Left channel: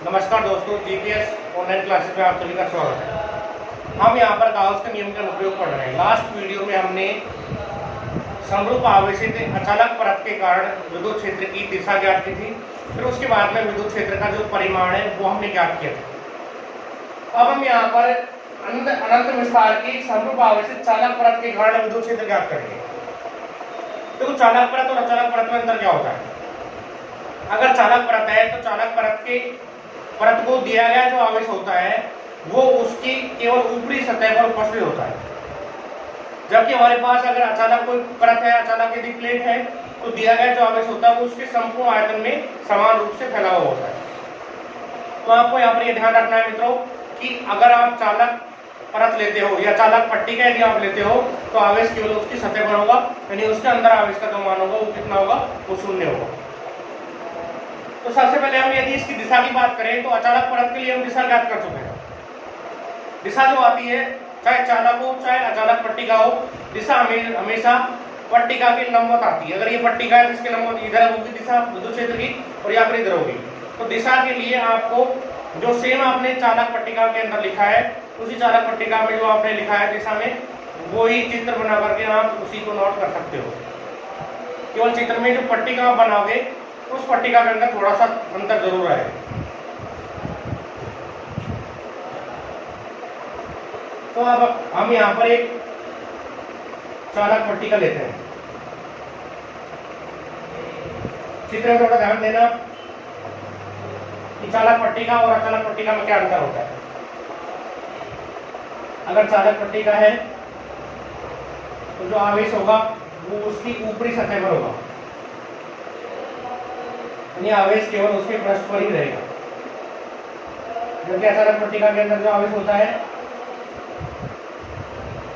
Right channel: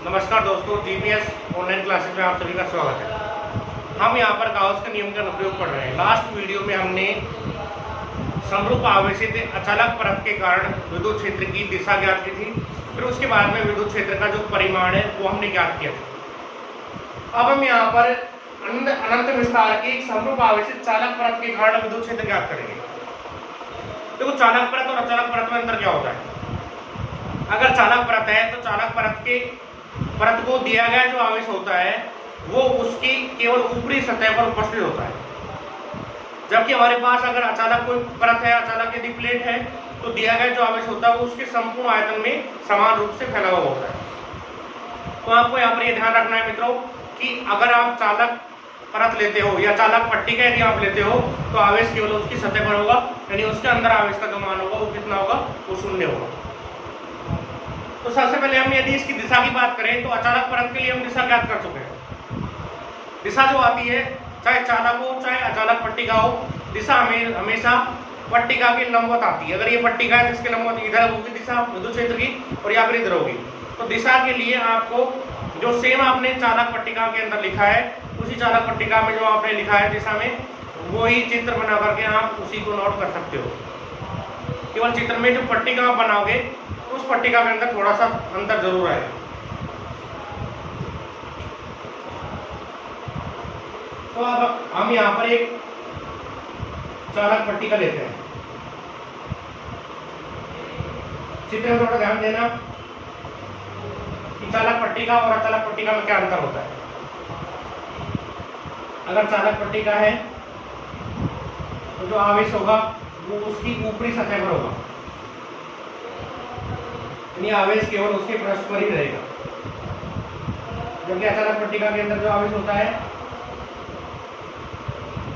नमस्कार दोस्तों, GPS online classes में आप सभी का स्वागत है। हम यहाँ पर गाउस के नियम का अनुप्रयोग पढ़ रहे हैं। लास्ट वीडियो में हमने समरूप आवेशित अचालक परत के कारण विद्युत क्षेत्र की दिशा ज्ञात की थी। फिर उसके बाद में विद्युत क्षेत्र का जो परिमाण है वो हमने ज्ञात किया था। अब हम यहाँ पर अनंत विस्तार की समरूप आवेशित चालक परत के कारण विद्युत क्षेत्र ज्ञात करेंगे। देखो, चालक परत और अचालक परत में अंतर क्या होता है। अगर चालक परत है तो चालक परत को दिया गया जो आवेश होता है वो उसकी केवल ऊपरी सतह पर उपस्थित होता है, जबकि हमारे पास अगर अचालक कोई परत है, अचालक यदि प्लेट है, तो दिया गया जो आवेश होता है वो उसके संपूर्ण आयतन में समान रूप से फैला हुआ होता है। तो आपको यहाँ पर ये ध्यान रखना है मित्रों कि अगर आप चालक परत लेते हो या चालक पट्टिका यदि आप लेते हो तो आवेश केवल उसकी सतह पर होगा, यानी उसके अंदर आवेश का जो मान होगा वो कितना होगा, वो शून्य होगा। तो सबसे पहले हम यदि इसकी दिशा की बात करें तो अचालक परत के लिए हम दिशा ज्ञात कर चुके हैं। दिशा जो आती है, चाहे चालक हो चाहे अचालक पट्टिका हो, दिशा हमेशा पट्टिका के लंबवत आती है। अगर ये पट्टिका है इसके लंबवत इधर होगी दिशा विद्युत क्षेत्र की, और या फिर इधर होगी। तो दिशा के लिए आपको जो सेम आपने चालक पट्टिका के अंदर लिखा है, उसी चालक पट्टिका में जो आपने लिखा है दिशा में, वो ही चित्र बना करके आप उसी को नोट कर सकते हो। केवल चित्र में जो पट्टिका बनाओगे उस पट्टिका के अंदर थोड़ा सा अंतर जरूर आएगा। तो अब हम यहाँ पर एक चालक पट्टिका लेते हैं। चित्र में थोड़ा ध्यान देना कि चालक पट्टिका और अचालक पट्टिका में क्या अंतर होता है। अगर चालक पट्टिका है तो जो आवेश होगा वो उसकी ऊपरी सतह पर होगा, यानी आवेश केवल उसके पृष्ठ पर ही रहेगा। जबकि अचालक पट्टिका के अंदर जो आवेश होता है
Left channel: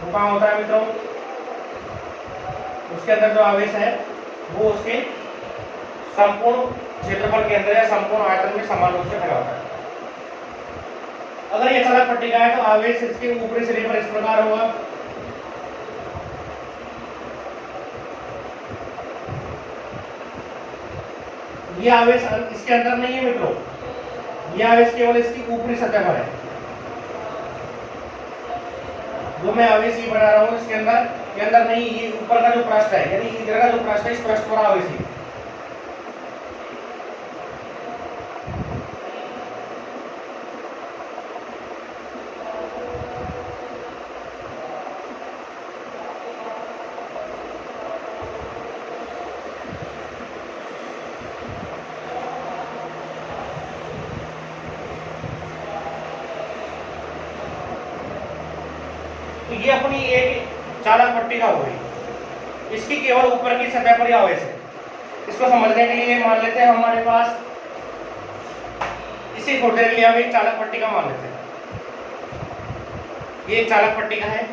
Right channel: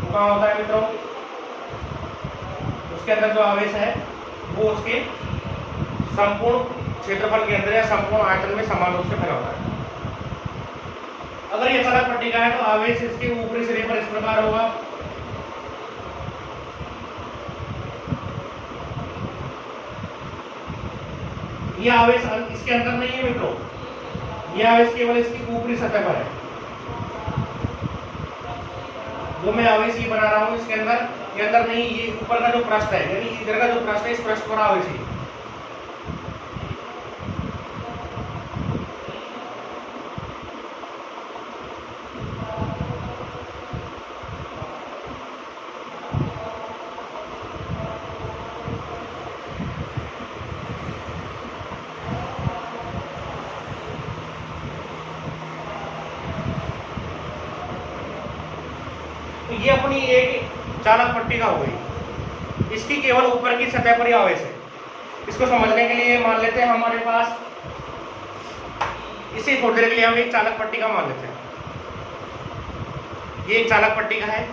वो कहाँ होता है मित्रों, उसके अंदर जो आवेश है वो उसके संपूर्ण क्षेत्रफल के अंदर या संपूर्ण आयतन में समान रूप से फैला होता है। अगर ये अचालक पट्टिका है तो आवेश इसके ऊपरी सिरे पर इस प्रकार होगा, ये आवेश इसके अंदर नहीं है मित्रों, ये आवेश केवल इसकी ऊपरी सतह पर है। जो मैं आवेश ये बना रहा हूं इसके अंदर, ये अंदर नहीं, ये ऊपर का जो पृष्ठ है, यानी इधर का जो पृष्ठ है, इस पृष्ठ पर आवेश है। तो ये अपनी एक चालक पट्टिका हो गई, इसकी केवल ऊपर की सतह पर ही आवेश है। इसको समझने के लिए मान लेते हैं हमारे पास, इसी थोड़ी देर के लिए हम एक चालक पट्टिका मान लेते हैं। ये एक चालक पट्टिका है,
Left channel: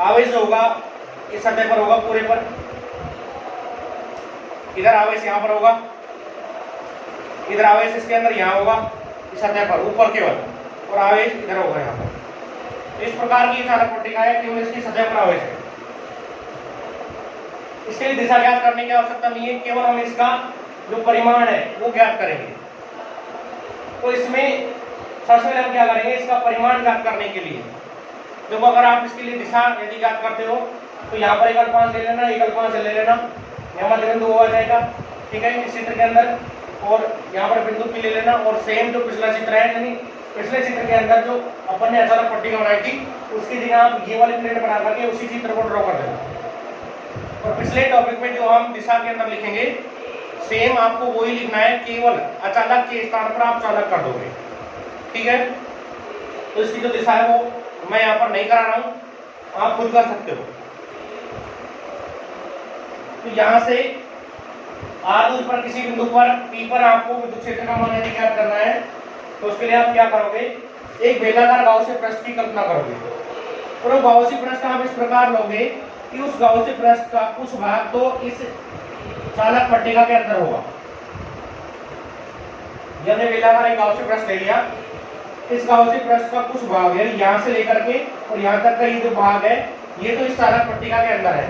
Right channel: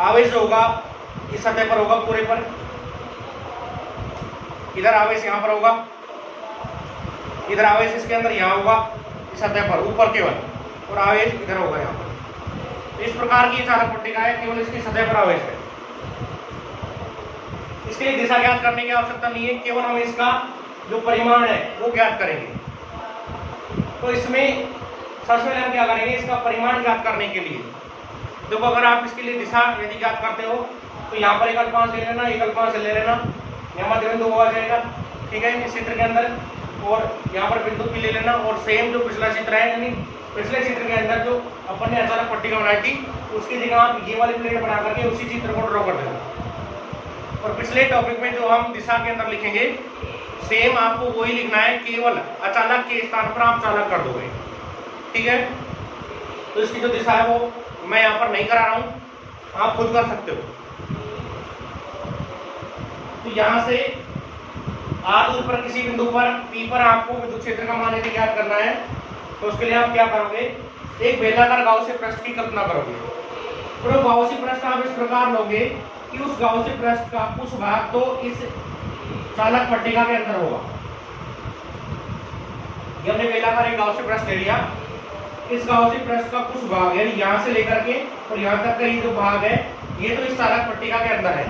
आवेश होगा इस सतह पर होगा पूरे पर, इधर आवेश यहाँ पर होगा, इधर आवेश इसके अंदर यहाँ होगा इस सतह पर ऊपर केवल, और आवेश इधर होगा यहाँ पर। इस प्रकार की चालक पट्टिका है, केवल इसकी सतह पर आवेश है। इसके लिए दिशा ज्ञात करने की आवश्यकता नहीं है, केवल हम इसका जो परिमाण है वो ज्ञात करेंगे। तो इसमें सबसे पहले हम क्या करेंगे, इसका परिमाण ज्ञात करने के लिए देखो, अगर आप इसके लिए दिशा यदि ज्ञात करते हो तो यहाँ पर एक अल्पांश ले लेना, एक अल्पांश ले लेना, यहाँ मध्य बिंदु आ जाएगा, ठीक है, इस चित्र के अंदर, और यहाँ पर बिंदु पी ले लेना। और सेम जो पिछला चित्र है, यानी पिछले चित्र के अंदर जो अपन ने अचालक पट्टिका बनाई थी उसकी जगह आप ये वाली प्लेट बना करके उसी चित्र को ड्रॉ कर देना। और पिछले टॉपिक में जो हम दिशा के अंदर लिखेंगे सेम आपको वही लिखना है, केवल अचालक के स्थान पर आप चालक कर दोगे, ठीक है। तो इसकी जो दिशा है वो मैं यहाँ पर नहीं करा रहा हूँ, आप खुद कर सकते हो। तो यहाँ से आर दूर पर किसी बिंदु पर पी पर आपको विद्युत क्षेत्र का मान यदि ज्ञात करना है तो उसके लिए आप क्या करोगे, एक बेलाकार गाउसी पृष्ठ की कल्पना करोगे। और वो गाउसी पृष्ठ आप इस प्रकार लोगे कि उस गाउसी पृष्ठ का कुछ भाग तो इस चालक पट्टिका के अंदर होगा। हमने बेलाकार एक गाउसी पृष्ठ ले लिया, इस गाउसी पृष्ठ का कुछ भाग है यहाँ से लेकर के और यहाँ तक का ये जो भाग है ये तो इस चालक पट्टिका के अंदर है,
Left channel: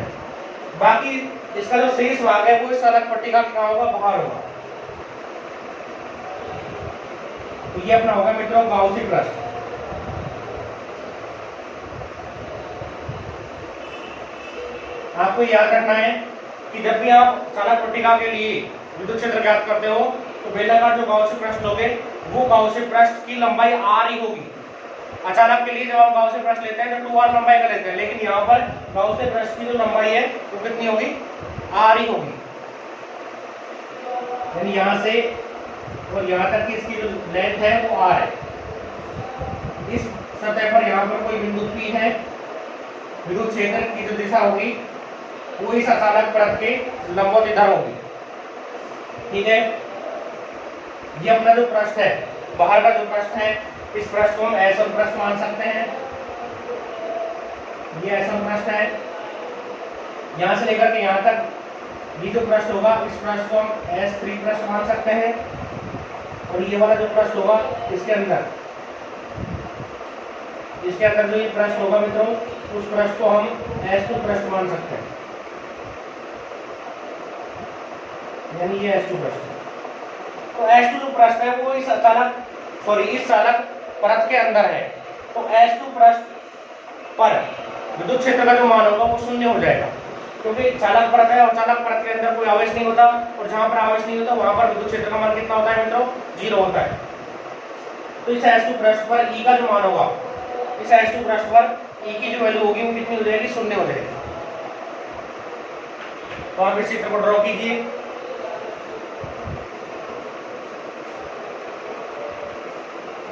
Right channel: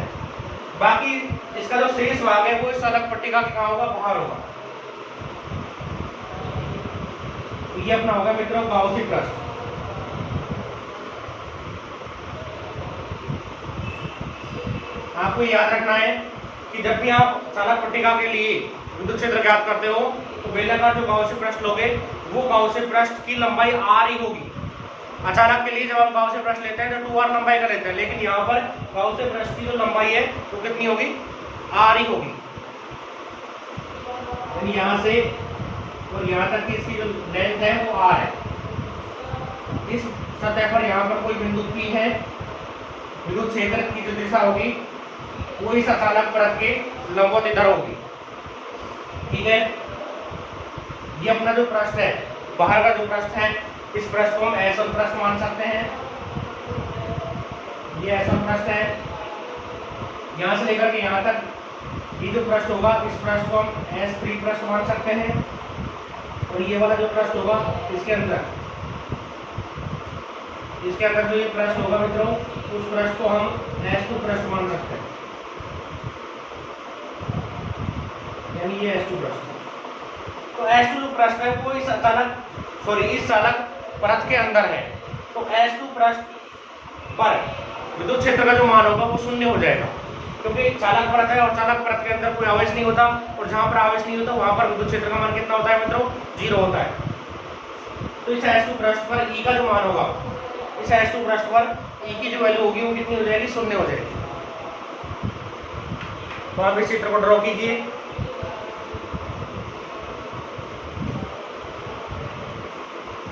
बाकी इसका जो शेष भाग है वो इस चालक पट्टिका के कहाँ होगा, बाहर होगा। तो ये अपना होगा मित्रों गाउसी पृष्ठ। आपको याद रखना है कि जब भी आप चालक पट्टिका के लिए विद्युत क्षेत्र ज्ञात करते हो तो बेलनाकार जो गाउसी पृष्ठ लोगे वो गाउसी पृष्ठ की लंबाई r ही होगी। अचालक के लिए जब आप गाउसी पृष्ठ लेते हैं तो 2r लंबाई का लेते हैं, लेकिन यहाँ पर गाउसी पृष्ठ की जो लंबाई है वो कितनी होगी, r ही होगी। यानी यहाँ से और यहाँ तक की इसकी जो लेंथ है वो r है। इस सतह पर यहाँ पर कोई बिंदु P है, विद्युत क्षेत्र की जो दिशा होगी वो इस अचालक परत के लंबवत इधर होगी। ठीक है, ये अपना जो पृष्ठ है, बाहर का जो पृष्ठ है, इस पृष्ठ को हम S1 पृष्ठ मान सकते हैं। ये S1 पृष्ठ है, यहां से लेकर के यहां तक ये जो पृष्ठ होगा इस पृष्ठ को हम S3 पृष्ठ मान सकते हैं। और ये वाला जो पृष्ठ होगा इसके अंदर जो ये पृष्ठ होगा मित्रों, उस पृष्ठ को हम S2 पृष्ठ मान सकते हैं। यानी ये S2 पृष्ठ है। तो S2 जो पृष्ठ है वो इस चालक परत के अंदर है। तो S2 पृष्ठ पर विद्युत क्षेत्र का जो मान होगा वो शून्य हो जाएगा, क्योंकि चालक परत है और चालक परत के अंदर कोई आवेश नहीं होता, और जहां पर आवेश नहीं होता वहां पर विद्युत क्षेत्र का मान कितना होता है मित्रों, 0 होता है। तो इस S2 पृष्ठ पर E का जो मान होगा, इस S2 पृष्ठ पर E की जो वैल्यू होगी वो कितनी हो जाएगी, 0 हो जाएगी। तो आप इस चित्र को ड्रॉ कीजिए।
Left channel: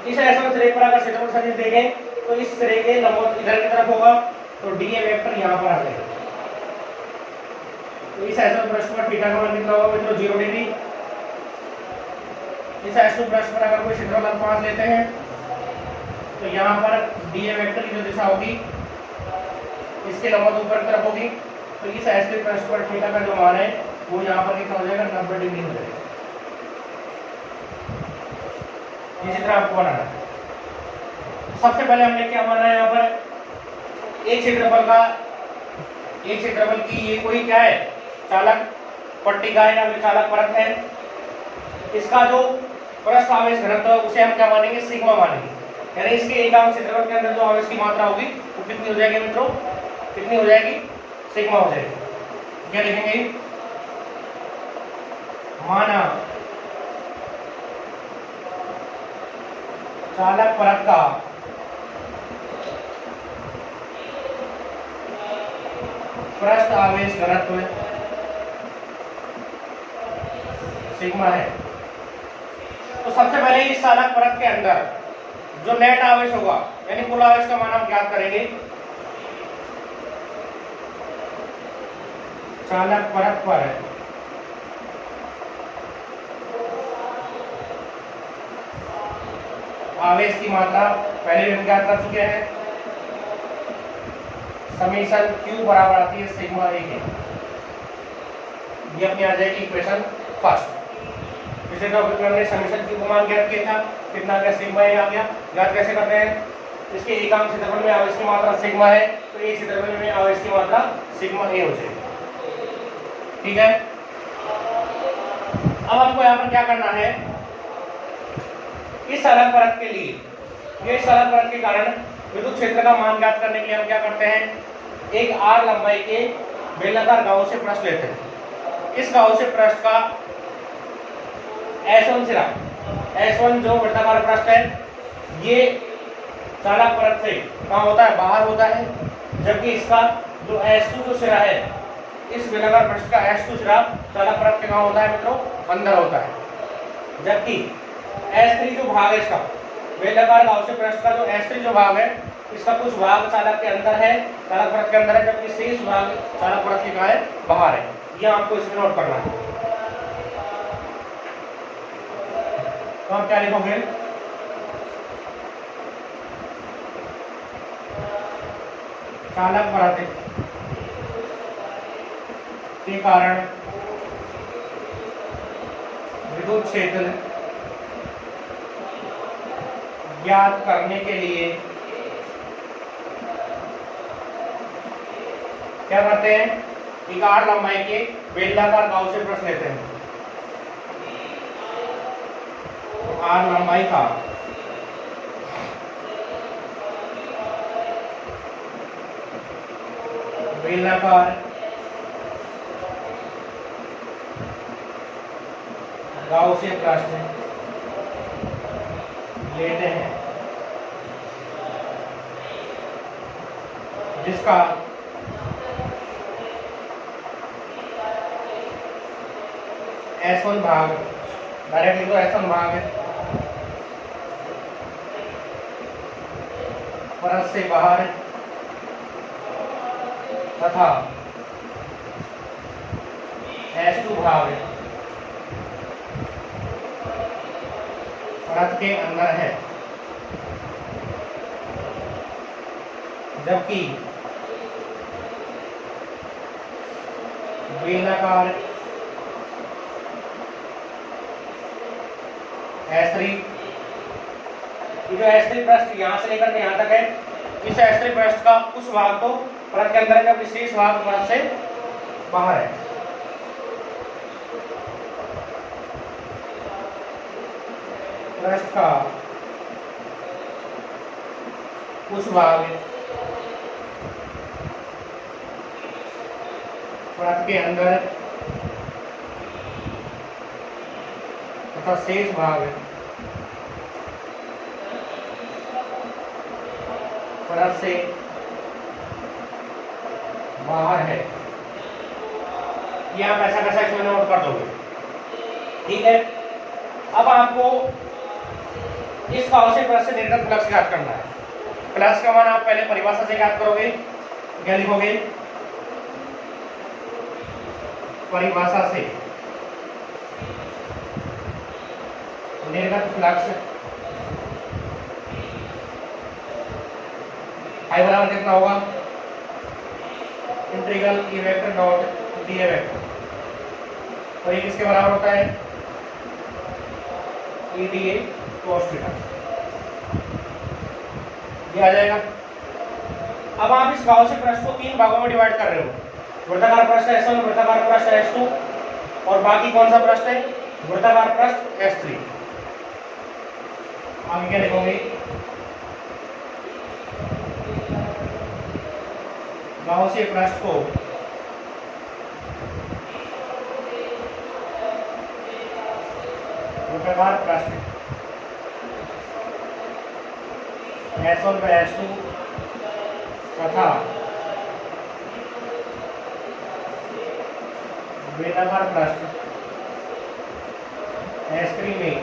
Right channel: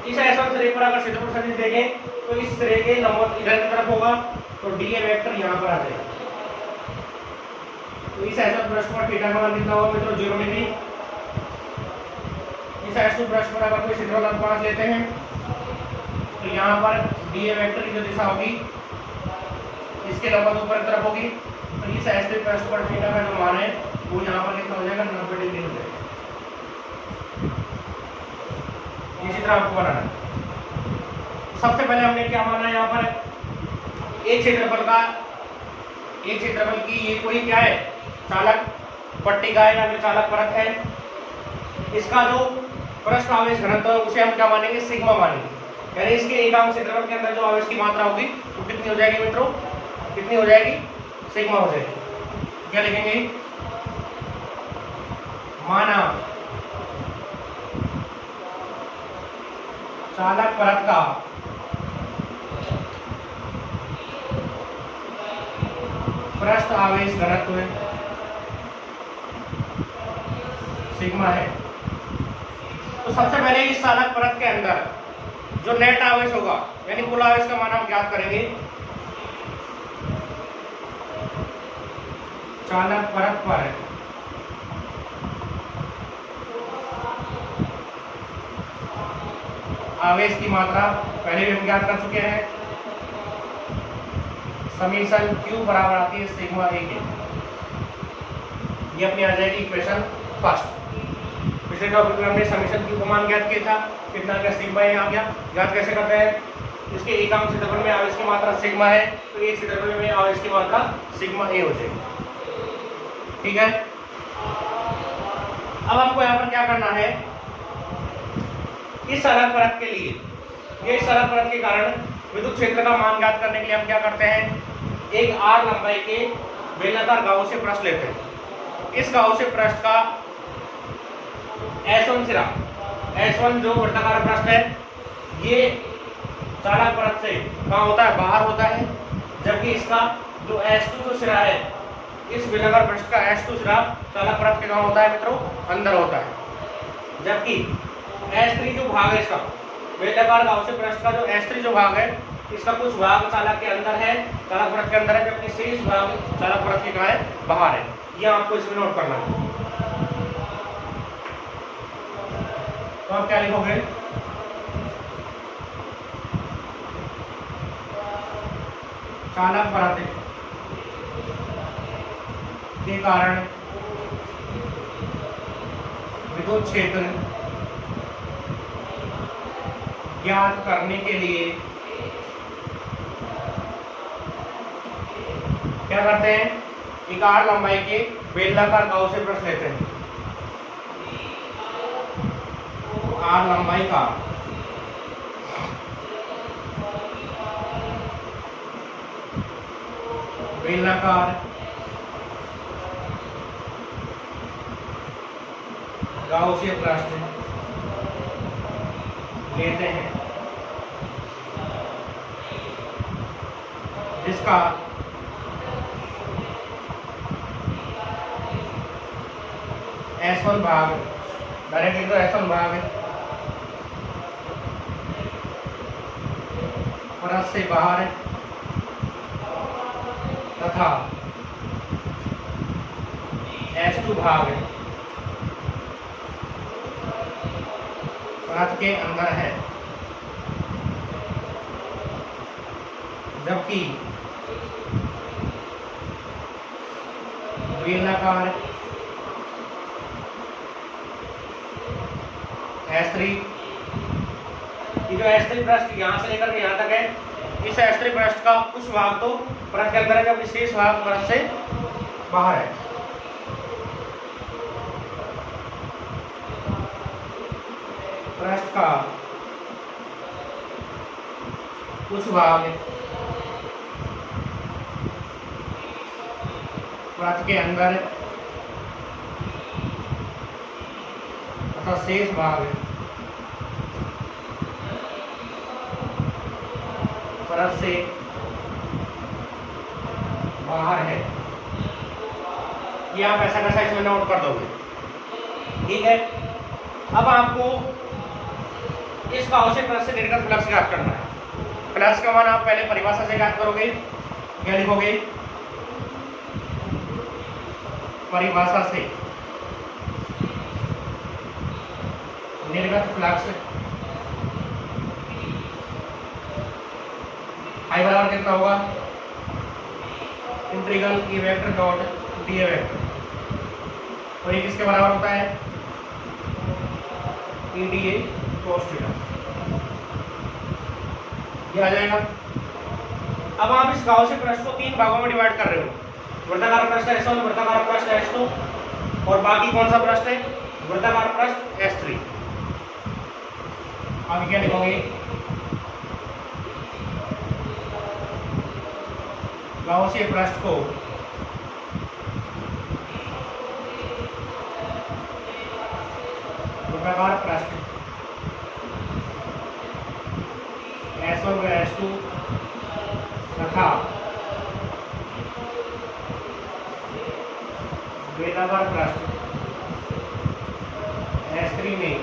इस S1 सिरे पर अगर क्षेत्रफल सदिश देखें तो इस सिरे के लंबवत इधर की तरफ होगा, तो dA वेक्टर यहाँ पर आ जाएगा। तो इस S1 पृष्ठ पर थीटा का मान कितना होगा मित्रों, 0 डिग्री। इस S2 पृष्ठ पर अगर कोई क्षेत्रफल 5 लेते हैं तो यहाँ पर dA वेक्टर की जो दिशा होगी इसके लंबवत ऊपर की तरफ होगी। तो इस S3 पृष्ठ पर थीटा का जो मान है वो यहाँ पर कितना हो जाएगा, 90 डिग्री हो जाएगा। इसी तरह आपको बनाना है। सबसे पहले हमने क्या माना है, यहाँ पर एक क्षेत्रफल की ये कोई क्या है, चालक पट्टिका है या चालक परत है। इसका जो पृष्ठ आवेश घनत्व है उसे हम क्या मानेंगे, सिग्मा मानेंगे। यानी इसके एकांक क्षेत्रफल के अंदर जो आवेश की मात्रा होगी वो कितनी हो जाएगी मित्रों, कितनी हो जाएगी, सिग्मा हो जाएगी। क्या लिखेंगे, माना चालक परत का पृष्ठ आवेश घनत्व सिग्मा है। तो सबसे पहले इस चालक परत के अंदर जो नेट आवेश होगा यानी कुल आवेश का मान हम ज्ञात करेंगे। चालक परत पर आवेश की मात्रा पहले भी हम ज्ञात कर चुके हैं, समीशन Q बराबर आती है सिग्मा A के। ये अपनी आ जाएगी इक्वेशन फर्स्ट। इसे तो हमने समीशन Q का मान ज्ञात किया था, कितना क्या सिग्मा A आ गया। ज्ञात कैसे करते हैं, इसके एकांक क्षेत्रफल में आवेश की मात्रा सिग्मा है, तो एक क्षेत्रफल में आवेश की मात्रा सिग्मा A हो जाएगी। ठीक है, अब आपको यहाँ पर क्या करना है, इस चालक परत के लिए, ये चालक परत के कारण विद्युत क्षेत्र का मान ज्ञात करने के लिए हम क्या करते हैं, एक r लंबाई के बेलनाकार गाउसी पृष्ठ लेते हैं। इस गाउसी पृष्ठ का S1 सिरा, S1 जो वृत्ताकार पृष्ठ है, ये चालक परत से कहाँ होता है, बाहर होता है, जबकि इसका जो S2 जो सिरा है, इस बेलनाकार पृष्ठ का S2 सिरा चालक परत से कहाँ होता है मित्रों, अंदर होता है। जबकि S3 जो भाग है इसका बेलनाकार गाउसी पृष्ठ का जो S3 जो भाग है, इसका कुछ भाग चालक के अंदर है, चालक परत के अंदर है, जबकि शेष भाग चालक परत के कहाँ है, बाहर है। यह आपको इसमें नोट करना है। तो आप क्या लिखोगे, चालक परत के कारण विद्युत क्षेत्र ज्ञात करने के लिए क्या करते हैं, एक r लंबाई के बेलनाकार गाउसी पृष्ठ लेते हैं। r लंबाई का बेलनाकार गाउसियन पृष्ठ लेते हैं जिसका S1 भाग डायरेक्टली तो S1 भाग है परत से बाहर है तथा S2 भाग है परत के अंदर है, जबकि बेलनाकार S3, ये जो S3 पृष्ठ यहाँ से लेकर के यहाँ तक है, इस S3 पृष्ठ का कुछ भाग तो परत के अंदर है, विशेष भाग परत से बाहर है। पृष्ठ का कुछ भाग परत के अंदर है तथा शेष भाग परत से बाहर है। ये आप ऐसा कैसा इसमें नोट कर दोगे, ठीक है। अब आपको इस गाउसियन पृष्ठ से निर्गत फ्लक्स ज्ञात करना है। फ्लक्स का मान आप पहले परिभाषा से ज्ञात करोगे, क्या लिखोगे, परिभाषा से निर्गत फ्लक्स I बराबर कितना होगा, integral E vector dot dA vector, और ये किसके बराबर होता है, EDA cos थीटा, ये आ जाएगा। अब आप इस गाउसियन पृष्ठ को तीन भागों में डिवाइड कर रहे हो, वृत्ताकार पृष्ठ S1, वृत्ताकार पृष्ठ S2 और बाकी कौन सा पृष्ठ है, वृत्ताकार पृष्ठ S3। आप क्या लिखोगे, गाउसियन पृष्ठ को वृत्ताकार पृष्ठ S1 व S2 तथा बेलनाकार पृष्ठ S3 में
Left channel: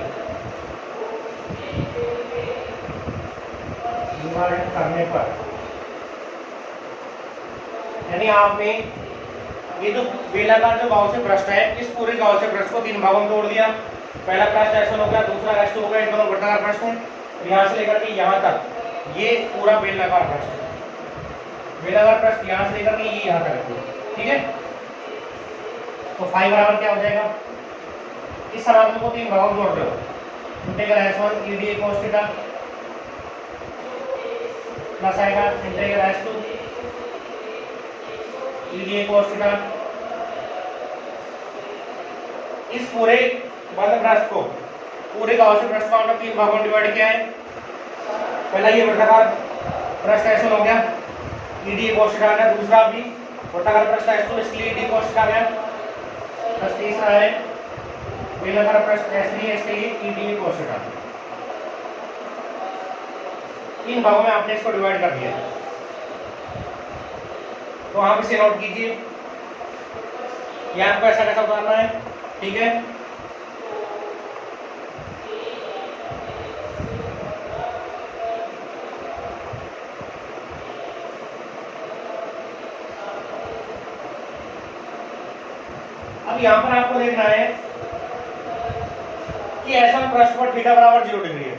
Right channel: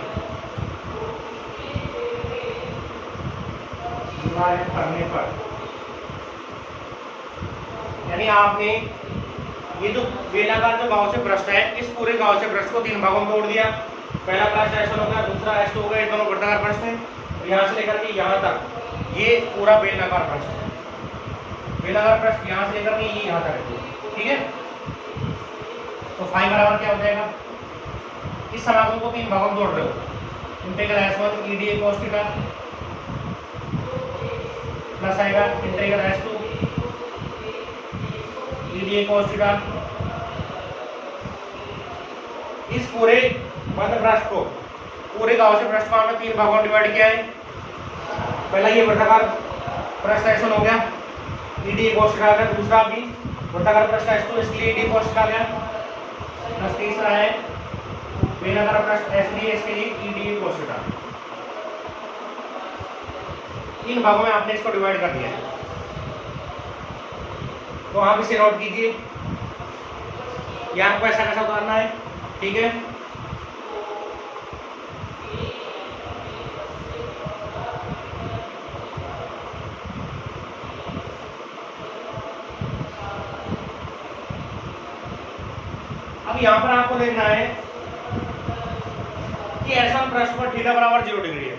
विभाजित करने पर, यानी आपने ये जो बेलनाकार जो गाउसियन पृष्ठ है, इस पूरे गाउसियन पृष्ठ को तीन भागों में तोड़ दिया। पहला पृष्ठ S1 हो गया, दूसरा S2 हो गया, ये दोनों वृत्ताकार पृष्ठ हैं, और यहाँ से लेकर के यहाँ तक ये पूरा बेलनाकार पृष्ठ है। बेलनाकार पृष्ठ यहाँ से लेकर के ये यहाँ तक है, ठीक है। तो फाई बराबर क्या हो जाएगा, इस सराउंड को तीन भागों में तोड़ रहे हो, integral S1 EDA cos theta plus आएगा integral S2 EDA cos theta. इस पूरे बंद पृष्ठ को, पूरे गाउसियन पृष्ठ को आपने तीन भागों में डिवाइड किया है। पहला ये वृत्ताकार पृष्ठ S1 हो गया, EDA cos थीटा का, दूसरा भी वृत्ताकार पृष्ठ S2 इसलिए EDA cos थीटा गया, प्लस तीसरा है बेलनाकार पृष्ठ S3 इसके लिए EDA cos थीटा। तीन भागों में आपने इसको डिवाइड कर दिया, तो आप इसे नोट कीजिए, ये आपको ऐसा कैसा उतारना है, ठीक है। अब यहाँ पर आपको देखना है कि S1 पृष्ठ पर थीटा बराबर 0 डिग्री है,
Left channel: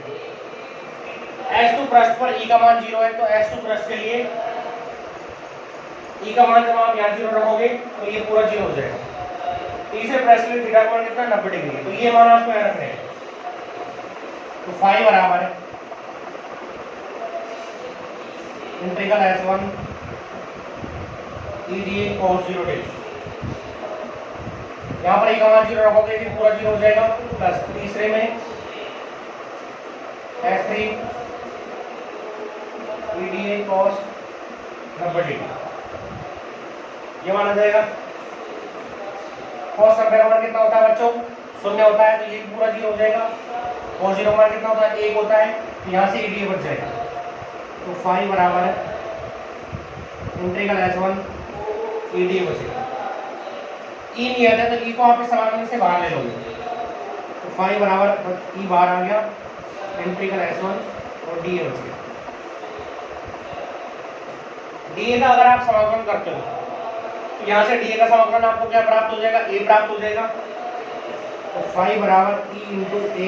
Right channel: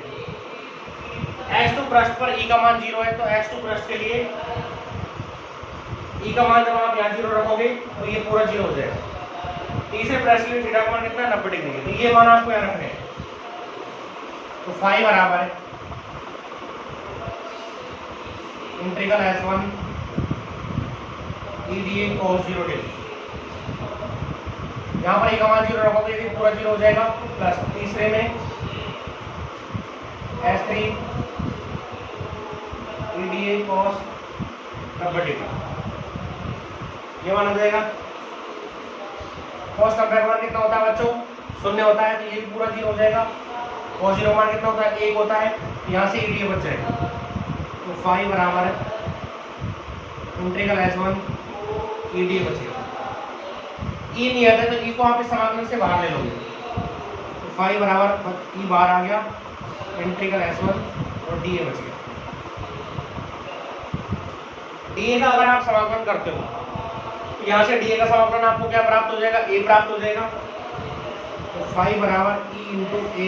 S2 पृष्ठ पर E का मान 0 है, तो S2 पृष्ठ के लिए E का मान जब आप यहाँ 0 रखोगे तो ये पूरा 0 हो जाएगा। तीसरे पृष्ठ के लिए थीटा का मान कितना 90 डिग्री है, तो ये मान आपको यहाँ रखना है। तो फाई बराबर है integral S1 EDA cos 0 degree, यहाँ पर E का मान 0 रखोगे तो पूरा 0 हो जाएगा, प्लस तीसरे में S3 EDA cos 90 डिग्री। ये मान आ जाएगा। cos नब्बे का मान कितना होता है बच्चों? 0 होता है, तो ये पूरा 0 हो जाएगा। cos 0 मान कितना होता है? 1 होता है, यहाँ से ईडीए बच जाएगा। तो फाई बराबर इंटीग्रल S1 ईडीए बचेगा। ई नहीं आता तो ई को आप इस समाकलन से बाहर ले लोगे, तो फाई बराबर ई बाहर आ गया, इंटीग्रल S1 और डी ए बच गया। डी ए का अगर आप समाकलन करते हो तो यहाँ से डी ए का समाकलन आपको क्या प्राप्त हो जाएगा? ए प्राप्त हो जाएगा। तो फाई बराबर ई इंटू ए,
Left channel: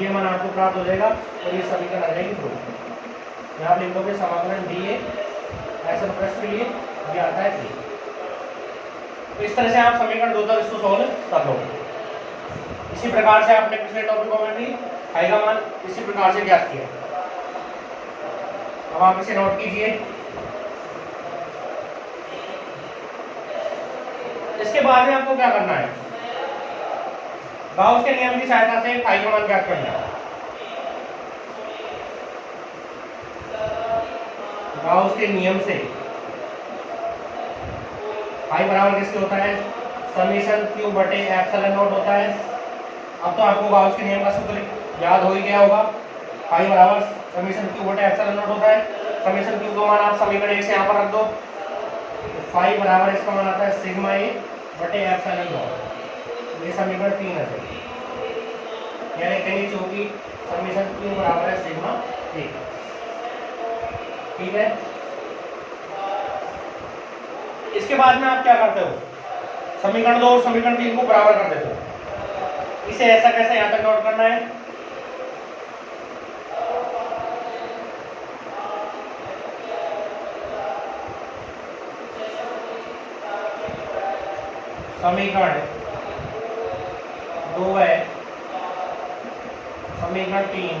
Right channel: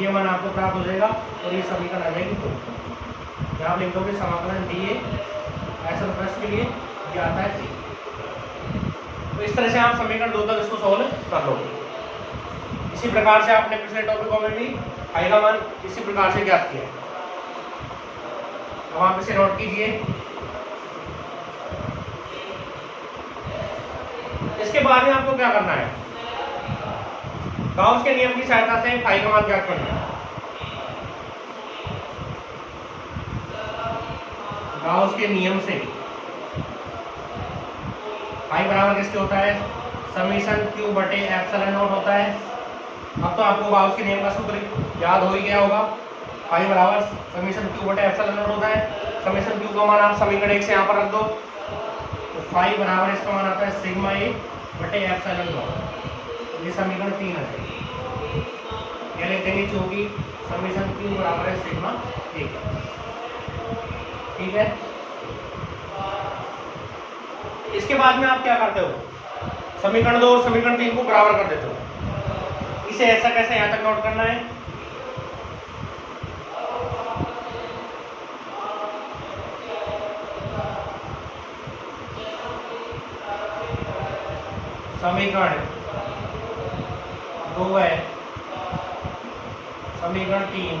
ये मान आपको प्राप्त हो जाएगा और ये समीकरण आ जाएगी 2। यहाँ आप लिख दोगे समाकलन डी ए ऐसा प्रश्न के लिए ये आता है। तो इस तरह से आप समीकरण 2 तक इसको सॉल्व कर लोगे। इसी प्रकार से आपने पिछले टॉपिकों में भी फाई का मान इसी प्रकार से ज्ञात किया। अब आप इसे नोट कीजिए। इसके बाद में आपको क्या करना है? गाउस के नियम की सहायता से फाई का मान ज्ञात करना है। गाउस के नियम से फाई बराबर किसके होता है? समेशन क्यू बटे एप्सिलॉन नॉट होता है। अब तो आपको गाउस के नियम का सूत्र याद हो ही गया होगा। फाई बराबर समेशन क्यू बटे एप्सिलॉन नॉट होता है। समेशन क्यू का मान आप समीकरण 1 से यहाँ पर रख दो, तो फाई बराबर इसका मान आता है सिग्मा ए बटे एप्सिलॉन नॉट। ये समीकरण 3 है, यानी लिखेंगे क्योंकि समेशन क्यू बराबर है सिग्मा ए। ठीक है। इसके बाद में आप क्या करते हो? समीकरण 2 और समीकरण 3 को बराबर कर देते हो। इसे ऐसा कैसे यहां तक नोट करना है? समीकरण 2 है, समीकरण 3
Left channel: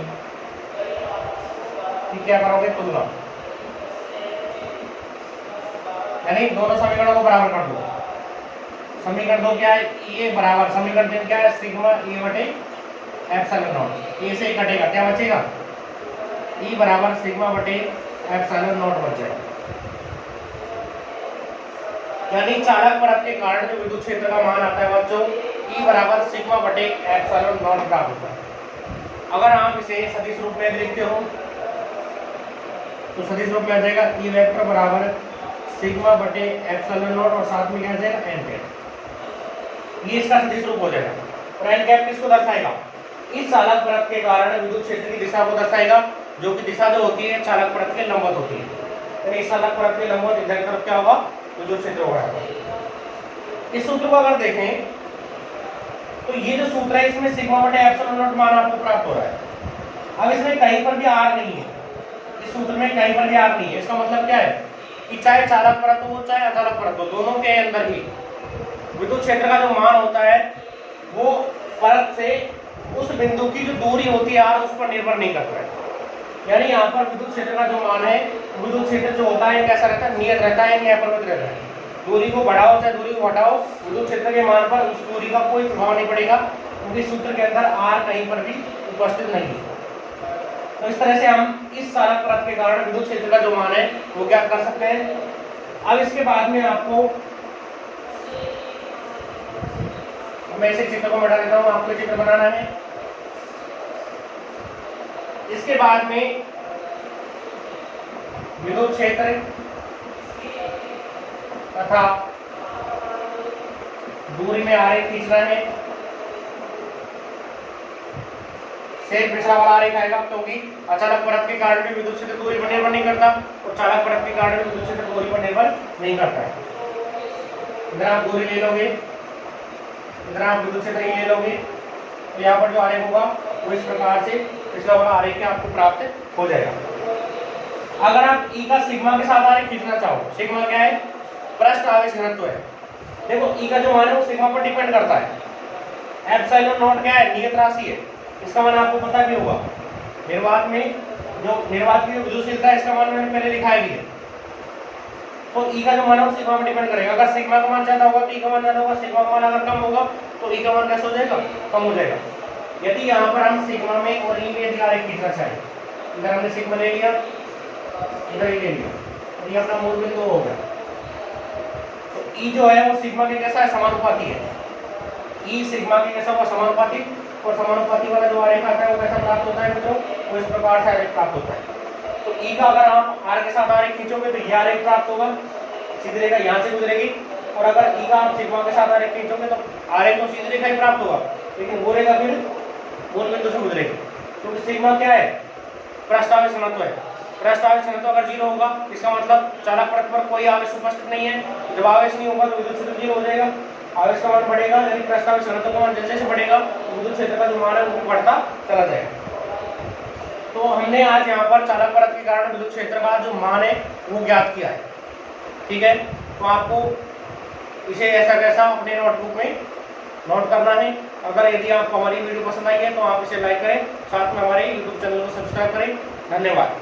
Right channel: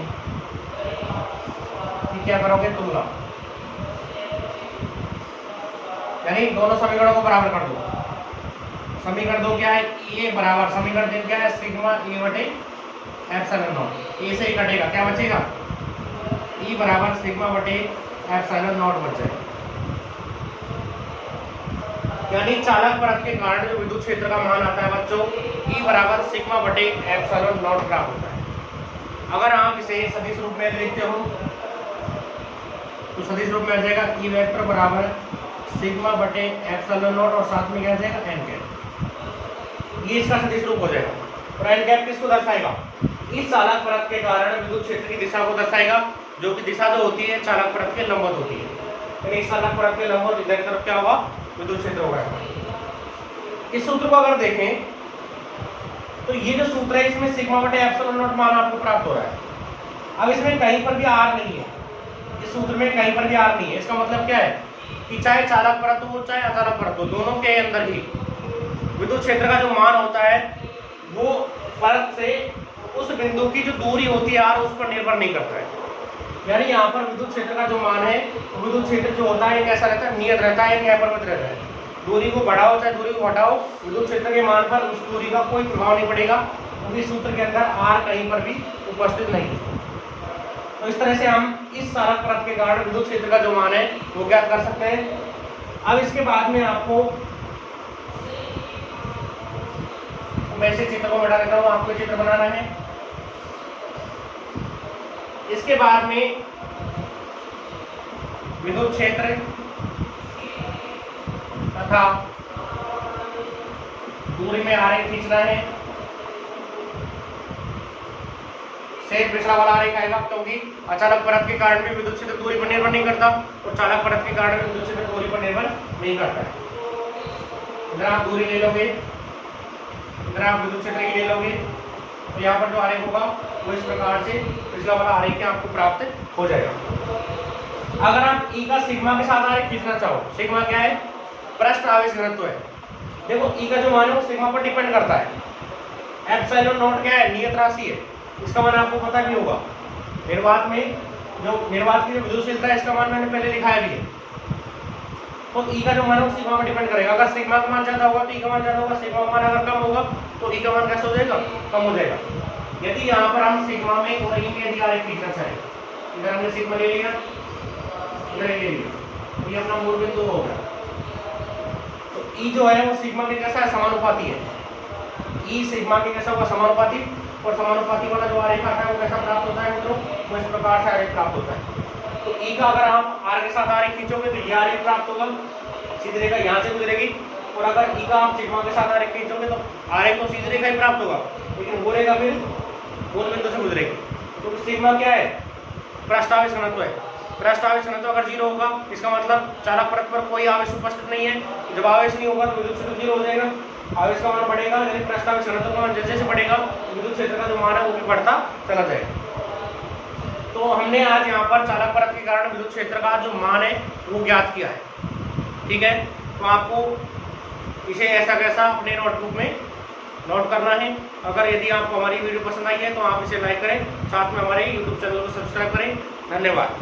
क्या करोगे? तुलना, यानी दोनों समीकरणों को बराबर कर दो। समीकरण 2 क्या है? ये बराबर समीकरण 3 क्या है? सिग्मा ए बटे एप्सिलॉन नॉट। ए से कटेगा, क्या बचेगा? ई बराबर सिग्मा बटे एप्सिलॉन नॉट बच जाएगा। यानी चालक परत के कारण जो विद्युत क्षेत्र का मान आता है बच्चों, ई बराबर सिग्मा बटे एप्सिलॉन नॉट प्राप्त होता है। अगर आप इसे सदिश रूप में लिखते हो तो सदिश रूप में आ जाएगा ई वेक्टर बराबर सिग्मा बटे एप्सिलॉन नॉट और साथ में क्या आ जाएगा? N cap. ये इसका सदिश रूप हो जाएगा। और एन कैप किसको दर्शाएगा? इस चालक परत के कारण विद्युत क्षेत्र की दिशा को दर्शाएगा, जो कि दिशा जो होती है चालक परत के लंबवत होती है। तो इस चालक परत के लंबवत इधर की तरफ क्या होगा? विद्युत क्षेत्र होगा। इस सूत्र को अगर देखें तो ये जो सूत्र है इसमें सिग्मा बटे एप्सिलॉन नॉट मान आपको प्राप्त हो रहा है। अब इसमें कहीं पर भी आर नहीं है, इस सूत्र में कहीं पर भी आर नहीं है। इसका मतलब क्या है कि चाहे चालक परत हो चाहे अचालक परत हो, दोनों के अंदर ही विद्युत क्षेत्र का जो मान होता है वो परत से उस बिंदु की जो दूरी होती है आर, उस पर निर्भर नहीं करता है। यानी यहाँ पर विद्युत क्षेत्र का जो मान है, विद्युत क्षेत्र जो होता है कैसा रहता है? नियत रहता है, अपरिवर्तित रहता है। दूरी को बढ़ाओ चाहे दूरी को घटाओ, विद्युत क्षेत्र के मान पर उस दूरी का कोई प्रभाव नहीं पड़ेगा, क्योंकि सूत्र के अंदर आर कहीं पर भी उपस्थित नहीं है। तो इस तरह से हम इस चालक परत के कारण विद्युत क्षेत्र का जो मान है वो ज्ञात कर सकते हैं। अब इसके बाद में आपको मैं इसे चित्र को मिटा देता हूँ, आपको चित्र बनाना है। इसके बाद में विद्युत क्षेत्र तथा दूरी में आरेख खींचना है। सेम पिछला वाला आरेख आएगा, क्योंकि अचालक परत के कारण भी विद्युत क्षेत्र दूरी पर निर्भर नहीं करता और चालक परत के कारण भी विद्युत क्षेत्र दूरी पर निर्भर नहीं करता है। इधर आप दूरी ले लोगे, इधर आप विद्युत क्षेत्र ले लोगे, तो यहाँ पर जो आरेख होगा वो इस प्रकार से पिछला वाला आरेख आपको प्राप्त हो जाएगा। अगर आप ई का सिग्मा के साथ आरेख खींचना चाहो, सिग्मा क्या है? पृष्ठ आवेश घनत्व है। देखो ई का जो मान है वो सिग्मा पर डिपेंड करता है। एप्सिलॉन नॉट क्या है? नियत राशि है, इसका मान आपको पता भी होगा। निर्वात में जो निर्वात की विद्युतशीलता है इसका मान मैंने पहले लिखाया भी है। तो ई का जो मान है वो सिग्मा पर डिपेंड करेगा। अगर सिग्मा का मान ज्यादा होगा तो ई का मान ज्यादा होगा, सिग्मा का मान अगर कम होगा तो ई का मान कैसे हो जाएगा? कम हो जाएगा। यदि यहाँ पर हम सिग्मा में और ई में यदि आरेख खींचना चाहें, इधर हमने सिग्मा ले लिया, इधर ले लिया, ये अपना मूल बिंदु हो गया। तो ई जो है वो सिग्मा के कैसा है, समानुपाती है। ई सिग्मा के कैसा हुआ, समानुपाती। और समानुपाती वाला जो आरेख आता है वो कैसा प्राप्त होता है मित्रों, वो इस प्रकार से आरेख प्राप्त होता है। तो ई का अगर आप आर के साथ आरेख खींचोगे तो ये आरेख प्राप्त होगा, सीधी रेखा यहाँ से गुजरेगी। और अगर ई का आप सिग्मा के साथ आरेख खींचोगे तो आरेख तो सीधी रेखा ही प्राप्त होगा, लेकिन वो रेखा फिर मूल बिंदु से गुजरेगी। क्योंकि सिग्मा क्या है, प्रस्तावित घनत्व है। प्रस्तावित घनत्व अगर 0 होगा इसका मतलब चालक परत पर कोई आवेश उपस्थित नहीं है। जब आवेश नहीं होगा तो विद्युत क्षेत्र 0 हो जाएगा, आवेश का मान बढ़ेगा, यदि प्रस्तावित घनत्व का मान जैसे जैसे बढ़ेगा विद्युत क्षेत्र का जो मान है वो भी बढ़ता चला जाएगा। तो हमने आज यहाँ पर चालक परत के कारण विद्युत क्षेत्र का जो मान है वो ज्ञात किया है। ठीक है, तो आपको इसे ऐसा कैसा अपने नोटबुक में नोट करना है। अगर यदि आपको हमारी वीडियो पसंद आई है तो आप इसे लाइक करें, साथ में हमारे यूट्यूब चैनल को सब्सक्राइब करें। धन्यवाद।